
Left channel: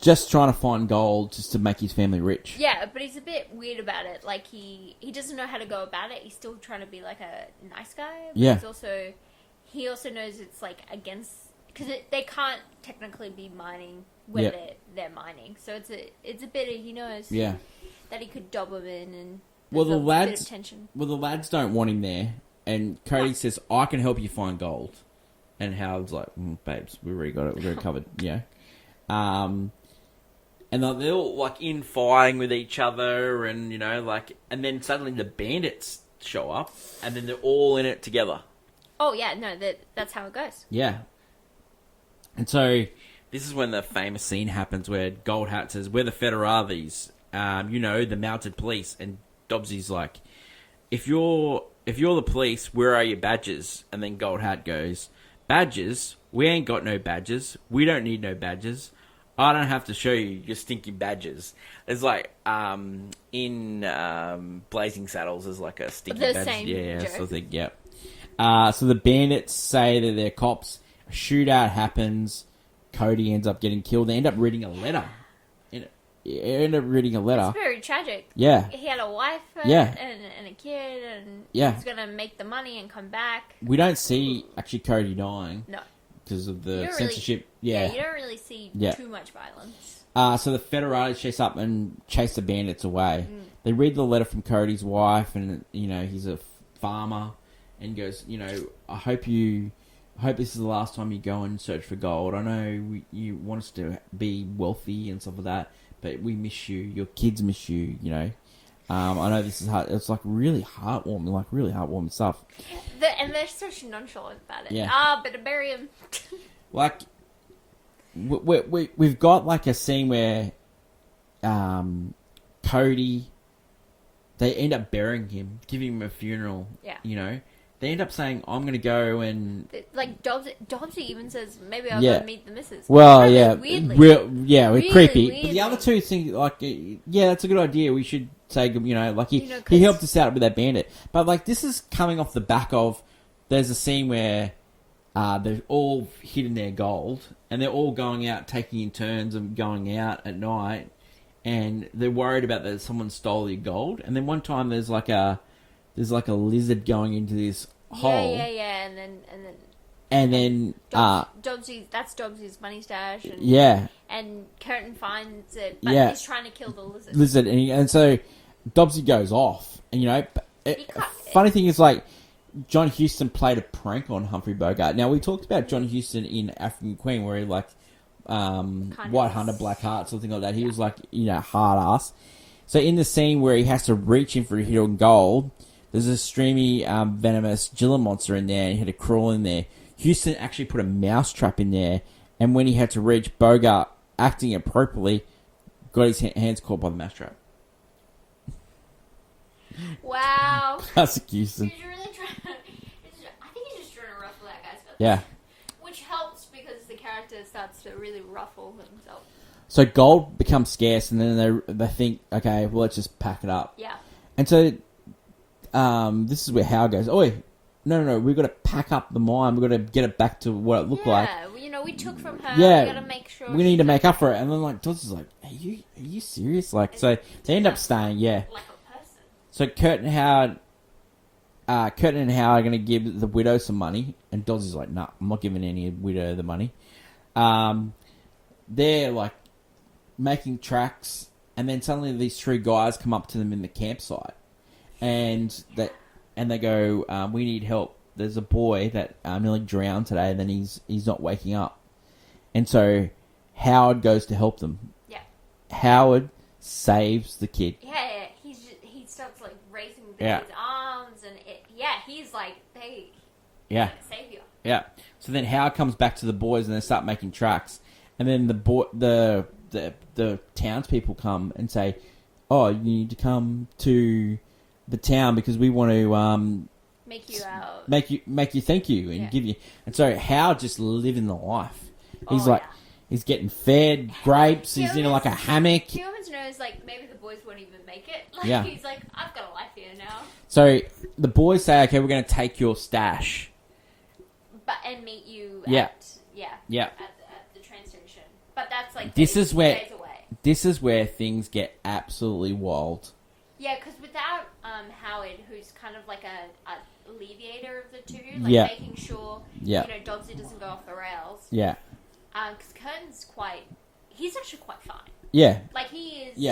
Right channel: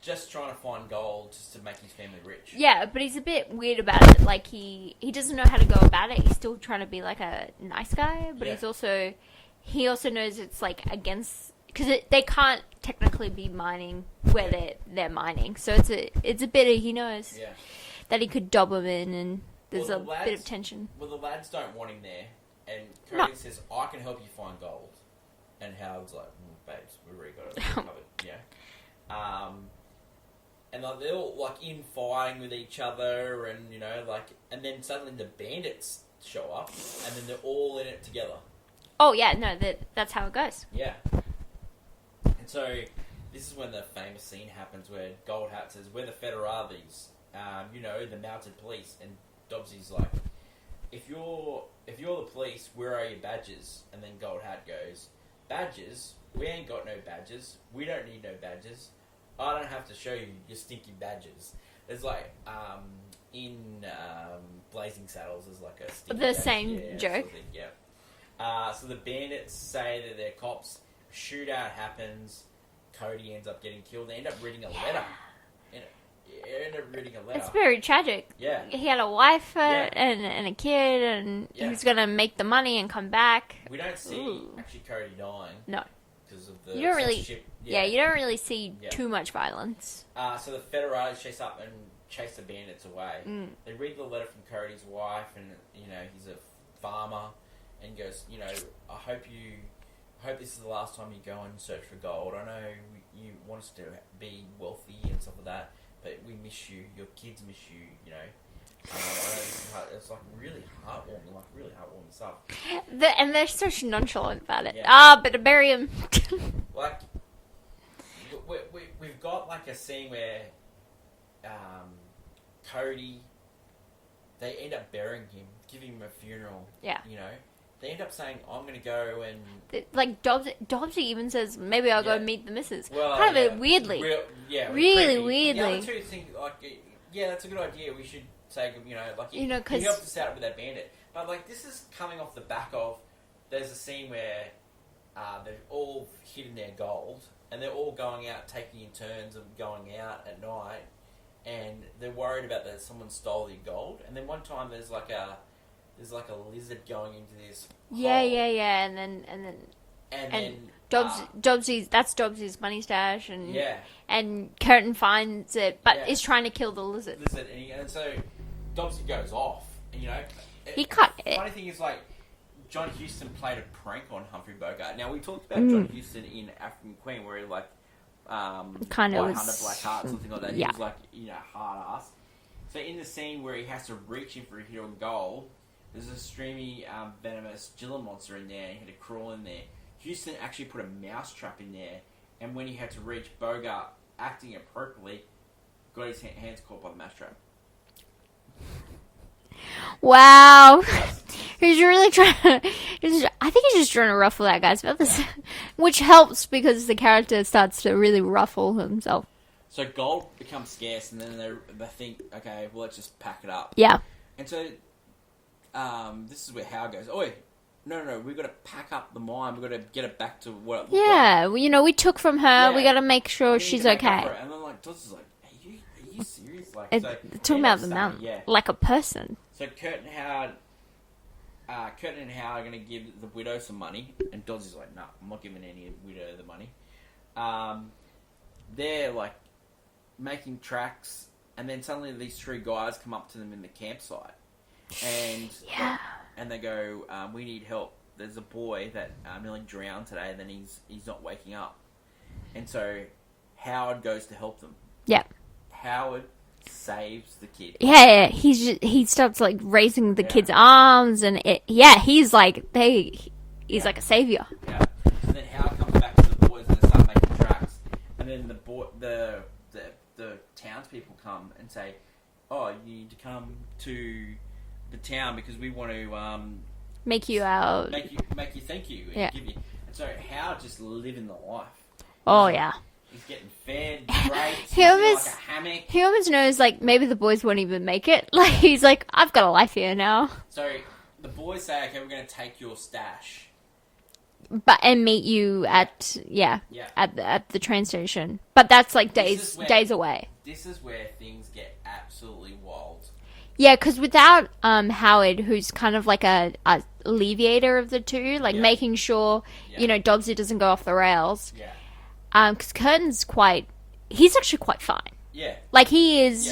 just trying to find gold just to make his family rich. Yeah, but he's a bit weird about it. Like, he doesn't know how to go about it. He's still trying to be, like, a nice guy. But he also knows it's, like, against... Because they can't technically be mining where they're mining. So it's a bit of... He knows that he could dob him in and there's a bit of tension. Well, the lads don't want him there. And Cody says, I can help you find gold. And Howard's like, babes, we already got it. We're covered. And they're all, like, in fighting with each other and, and then suddenly the bandits show up and then they're all in it together. Oh, yeah, no, that's how it goes. Yeah. And so this is when the famous scene happens where Gold Hat says, we're the Federales, the mounted police. And Dobbsy's like, if you're the police, where are your badges? And then Gold Hat goes, badges? We ain't got no badges. We don't need no badges. I don't have to show you your stinky badges. It's like, in Blazing Saddles, there's like a stinky badge. The same joke. Sort of thing, so the bandits say that they're cops. A shootout happens. Cody ends up getting killed. They end up reading a letter. It's very tragic. Yeah. He had a wife and a kid, and he was going to make the money and come back. We don't see, actually, Cody dying. No. Because of the censorship. You don't really see too much violence. So the Federales chase up and chase the bandits away. They read the letter from Cody's wife, and, he's a farmer, and goes, I hope this is the last time you go and search for gold. I know you want us to be wealthy and stuff like that, but we miss you. Your kids miss you, I know this is hard. It's like really heartwarming stuff. And they're so nonchalant about it. Yeah. But to bury him. Like, we've got like a scene where Cody, they end up burying him, giving him a funeral. Yeah. They end up saying, I'm going to go and... Like, Dobbsy even says, maybe I'll go meet the missus. Well, Weirdly. We're really creepy. Weirdly. But the other two think, like, that's a good idea. We should say, like, he helped us out with that bandit. But, like, this is coming off the back of... There's a scene where they're all hidden their gold, and they're all going out, taking in turns of going out at night, and they're worried about that someone stole your gold. And then one time there's like a lizard going into this hole. Yeah. And then that's Dobbsy's money stash. And, And Curtin finds it, but he's trying to kill the lizard. And so Dobbsy goes off. And, funny thing is, like, John Huston played a prank on Humphrey Bogart. Now, we talked about John Huston in African Queen, where he, like, White Hunter, Black Heart, something like that. He was, like, hard ass. So in the scene where he has to reach in for hidden gold, there's a streamy, venomous Gila monster in there, and he had to crawl in there. Houston actually put a mouse trap in there, and when he had to reach, Bogart, acting appropriately, got his hands caught by the mouse trap. Wow. Classic excuses. He's really trying to... I think he's just trying to ruffle that guy's feathers. Yeah. Which helps because the character starts to really ruffle himself. So gold becomes scarce, and then they think, okay, well, let's just pack it up. Yeah. And so this is where Howard goes, oi, no, we've got to pack up the mine. We've got to get it back to what it looked like. Yeah, well, we took from her. Yeah. We got to make sure We she's need to make okay. up for it. And then, like, Dodds is like, are you serious? Like, It's so talking they end up about them staying, now, yeah. like a person. So Kurt and Howard are going to give the widow some money, and Dodds is like, "Nah, I'm not giving any widow the money." They're like making tracks, and then suddenly these three guys come up to them in the campsite, and they go, "We need help. There's a boy that nearly drowned today, and then he's not waking up." And so Howard goes to help them. Yeah. Howard saves the kid. Yeah. He starts like raising the kid's arms, and he's like like a savior. Yeah. So then Howard comes back to the boys, and they start making tracks. And then the townspeople come and say, "Oh, you need to come to the town because we want to make you out, make you thank you and give you." And so Howard just living the life. He's getting fed grapes. He's in like a hammock. He almost knows, like, maybe the boys won't even make it. Like, he's like, I've got a life here now. So the boys say, okay, we're going to take your stash. And meet you at the train station. But that's, like, days away. This is where things get absolutely wild. Yeah, because without Howard, who's kind of like a alleviator of the two, like making sure, Dogsy doesn't go off the rails. Yeah. Because Curtin's he's actually quite fine. Yeah. Like, he is,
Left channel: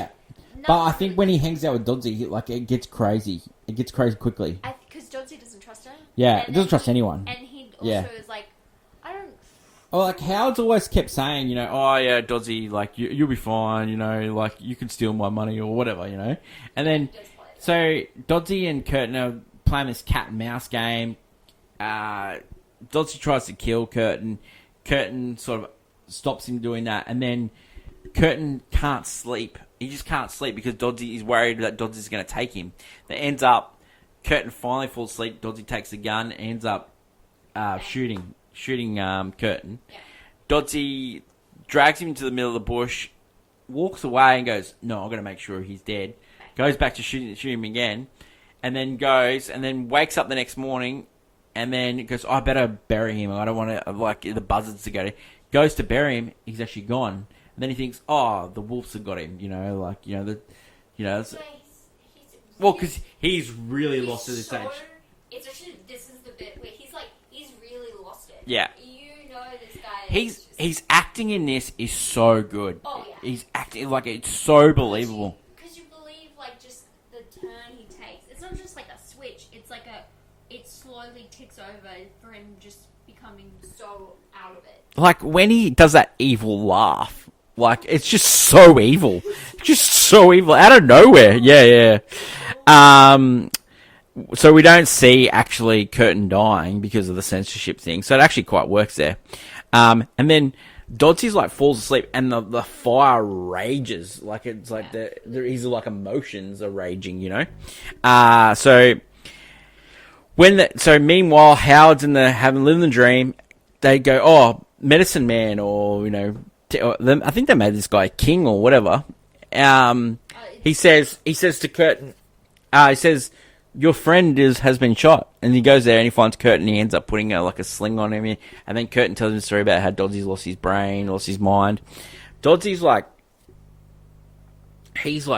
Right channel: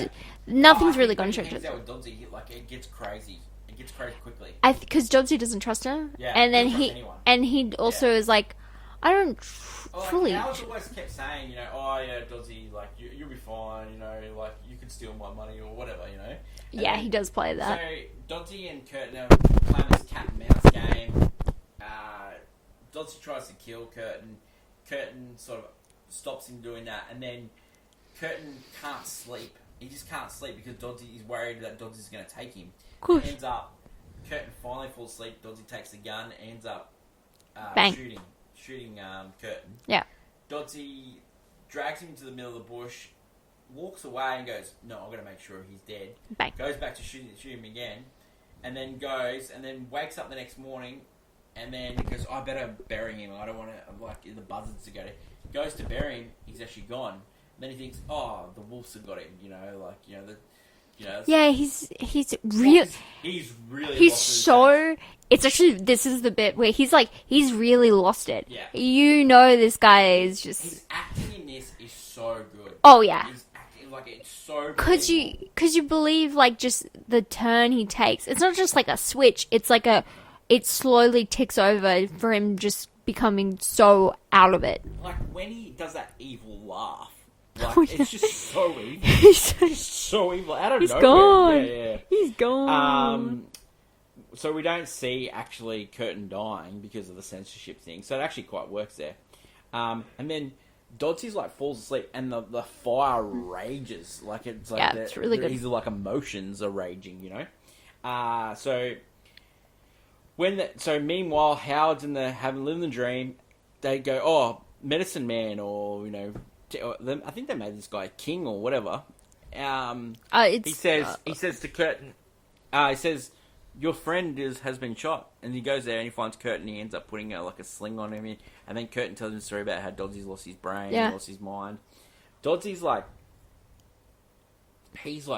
nothing's I think really when he hangs out with Dodsy, it gets crazy. It gets crazy quickly. Because Dodsy doesn't trust her. Yeah, and he doesn't trust anyone. And he also is like, I don't... Howard's always kept saying, oh, yeah, Dodsy, like, you'll be fine, like, you can steal my money or whatever, And then, he does play that. So, Dodsy and Curtin are playing this cat and mouse game. Dodsy tries to kill Curtin. Curtin sort of stops him doing that, and then Curtin can't sleep. He just can't sleep because Dodsy is worried that Dodsy's going to take him. It ends up, Curtin finally falls asleep. Dodsy takes a gun, ends up shooting Curtin. Yeah. Dodsy drags him into the middle of the bush, walks away, and goes, "No, I'm going to make sure he's dead." Bang. Goes back to shoot him again, and then wakes up the next morning. And then he goes, I better bury him. I don't want to, like, the buzzards to go to... Goes to bury him. He's actually gone. And then he thinks, the wolves have got him. Yeah, he's really... He's really he's lost it. So... It's actually... This is the bit where he's like... He's really lost it. Yeah. This guy is just... His acting in this is so good. Oh, yeah. He's acting, like, it's so believable. Because you believe, like, just the turn he takes. It's not just like a switch. It's like it slowly ticks over for him just becoming so out of it. Like, when he does that evil laugh, like, it's just so evil. Just so evil. Out of nowhere. Gone. Yeah. He's gone. So we don't see, actually, Curtin dying because of the censorship thing. So it actually quite works there. And then Dodsy's, like, falls asleep, and the fire rages. Like, it's like... it's really good. His, like, emotions are raging, So... meanwhile, Howard's having living the dream. They go, medicine man, or I think they made this guy king or whatever. He says to Curtin, he says, your friend has been shot, and he goes there and he finds Curtin. He ends up putting a sling on him, and then Curtin tells him a story about how Dodsy's lost his brain, lost his mind. Dodsy's he's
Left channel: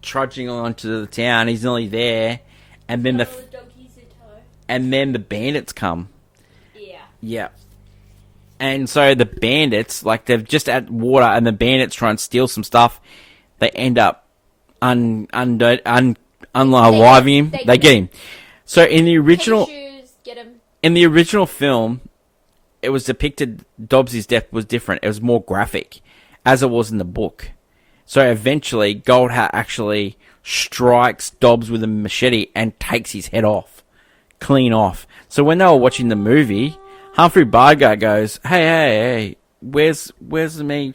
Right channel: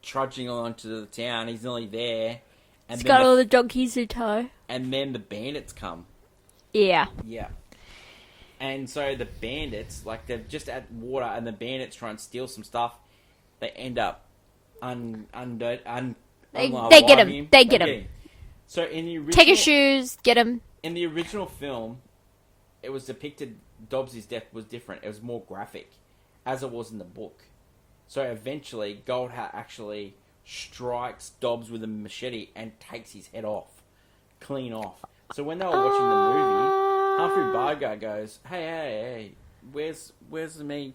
trudging on to the town. He's nearly there. And He's got all the donkeys in tow. And then the bandits come. Yeah. Yeah. And so the bandits, they're just at water, and the bandits try and steal some stuff. They end up unaliving him. They get him. So in the original... Take your shoes, get him. In the original film, it was depicted Dobbsy's death was different. It was more graphic, as it was in the book. So eventually, Goldhat actually... strikes Dobbs with a machete and takes his head off. Clean off. So when they were watching the movie, Humphrey Bogart goes, hey, where's me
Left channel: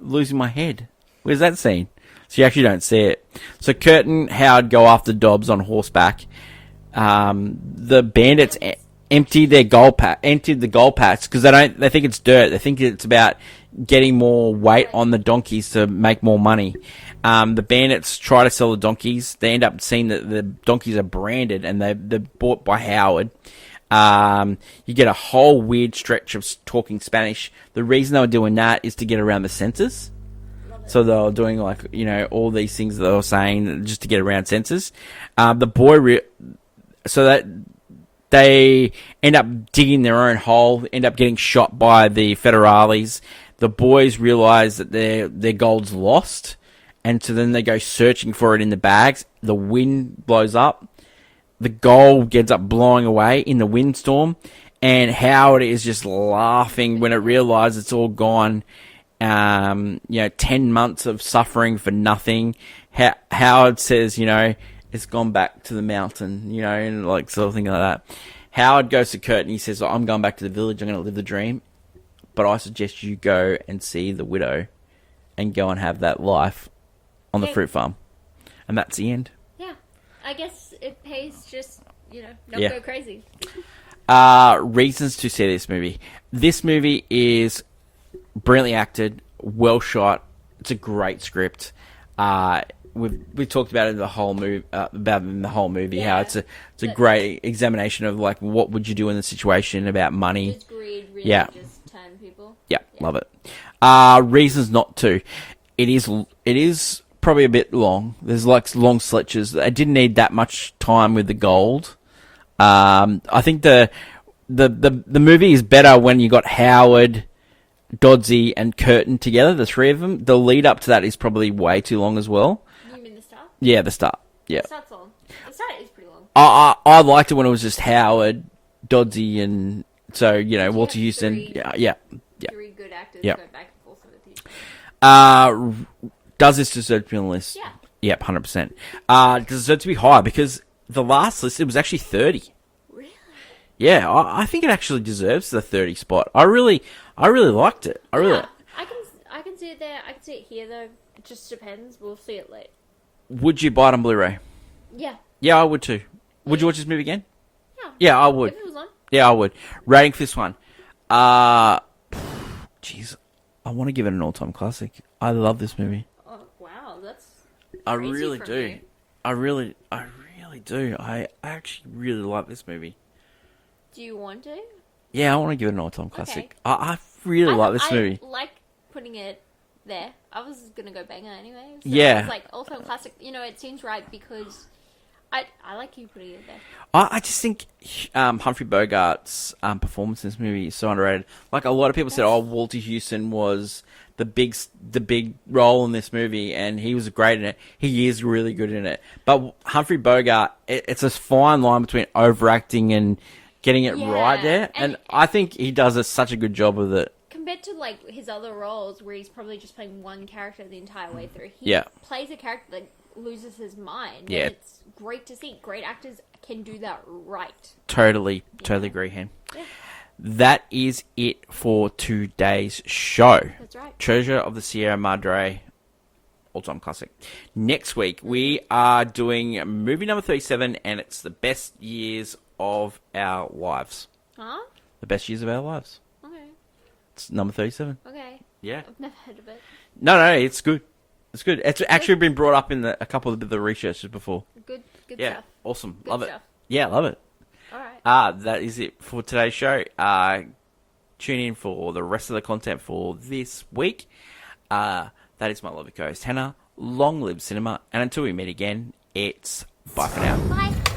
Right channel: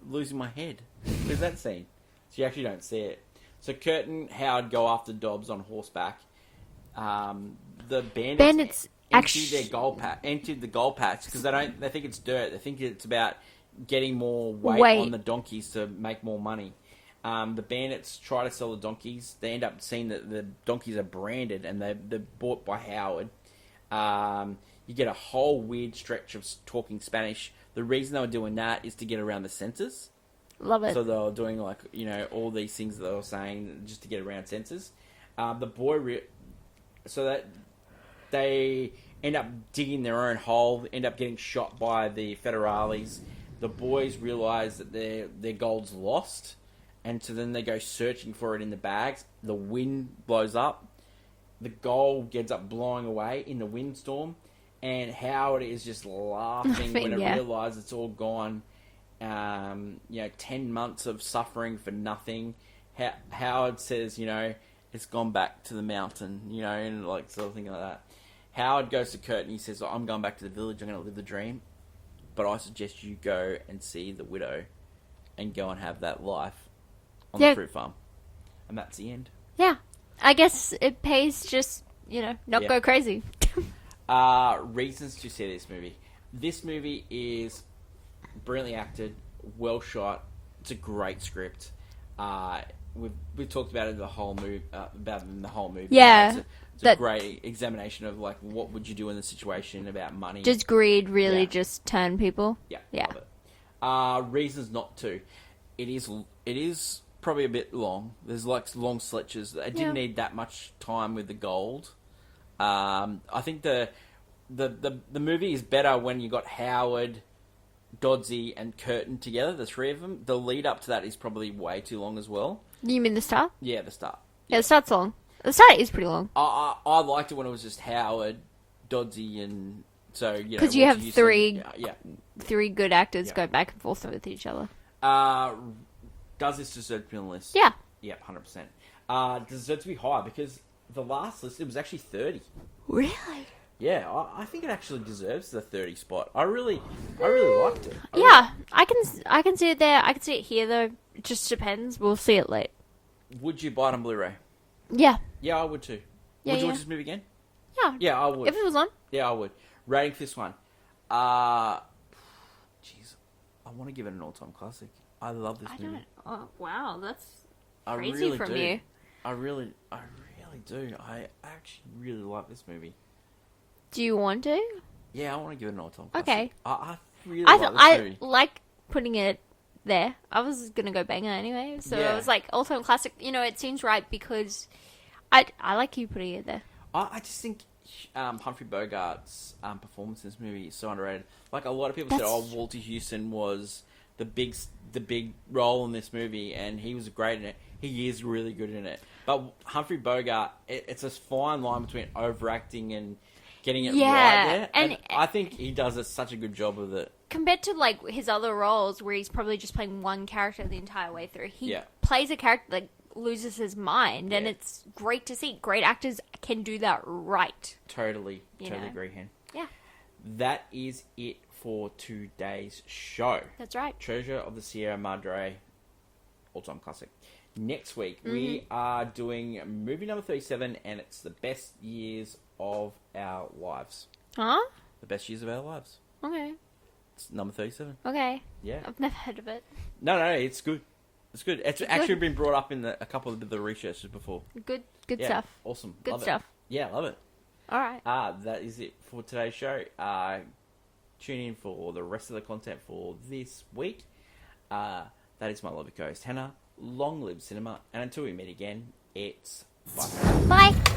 losing my head? Where's that scene? so you actually don't see it. So Kurt and Howard go after Dobbs on horseback. The bandits emptied the gold packs because they think it's dirt. They think it's about getting more weight on the donkeys to make more money. The bandits try to sell the donkeys. They end up seeing that the donkeys are branded and they're bought by Howard. You get a whole weird stretch of talking Spanish. The reason they were doing that is to get around the censors. Love it. So they were doing all these things that they were saying just to get around censors. The boy, so that they end up digging their own hole, end up getting shot by the federales. The boys realize that their gold's lost, and so then they go searching for it in the bags. The wind blows up. The gold ends up blowing away in the windstorm, and Howard is just laughing when it realizes it's all gone. 10 months of suffering for nothing. Howard says, it's gone back to the mountain, and like sort of thing like that. Howard goes to Kurt and he says, I'm going back to the village. I'm going to live the dream, but I suggest you go and see the widow and go and have that life on the fruit farm. And that's the end. Yeah. I guess it pays just, not go crazy. Reasons to see this movie. This movie is brilliantly acted, well shot. It's a great script. We've talked about it in the whole movie. Yeah, it's a great examination of like what would you do in the situation about money. Does greed really just turn people? Yeah, love it. Reasons not to. It is probably a bit long. There's like long stretches. I didn't need that much time with the gold. I think the movie is better when you got Howard, Dodsey, and Curtin together. The three of them. The lead up to that is probably way too long as well. You mean the start? Yeah, the start. Yeah, the start's long. The start is pretty long. I liked it when it was just Howard, Dodsey, and Walter Houston. Three good actors go back and forth with each other. Does this deserve to be on the list? Yeah. Yep, 100%. Does it deserve to be higher? Because the last list, it was actually 30. Really? Yeah, I think it actually deserves the 30 spot. I really liked it. I can see it there. I can see it here, though. It just depends. We'll see it late. Would you buy it on Blu-ray? Yeah. Yeah, I would too. Would you watch this movie again? Yeah. Yeah, I would. If it was on? Yeah, I would. Rating for this one. Jeez. I want to give it an all-time classic. I love this movie. Oh, wow. That's I crazy really from do. you. I really do. I actually really like this movie. Do you want to? Yeah, I want to give it an all-time classic. Okay. I really like this movie. I like putting it there. I was going to go banger anyway. So Yeah. it's like all-time classic. It seems right because I like you putting it there. I just think Humphrey Bogart's performance in this movie is so underrated. Like a lot of people said, Walter Houston was the big role in this movie, and he was great in it. He is really good in it. But Humphrey Bogart, it's a fine line between overacting and getting it right there, and I think he does such a good job with it. Compared to like his other roles, where he's probably just playing one character the entire way through, he plays a character that loses his mind, and it's great to see. Great actors can do that right. Totally agree, Hen. Yeah. That is it for today's show. That's right. Treasure of the Sierra Madre, all-time classic. Next week, we are doing movie number 37, and it's the best years of our lives. Huh? The best years of our lives. Okay. It's number 37. Okay. Yeah. I've never heard of it. No, it's good. It's good. It's actually been brought up in a couple of the researches before. Good stuff. Awesome. Good love stuff. it. Yeah, love it. All right. That is it for today's show. Tune in for the rest of the content for this week. That is my lovely co-host, Hannah. Long live cinema. And until we meet again, it's bye for now. Bye.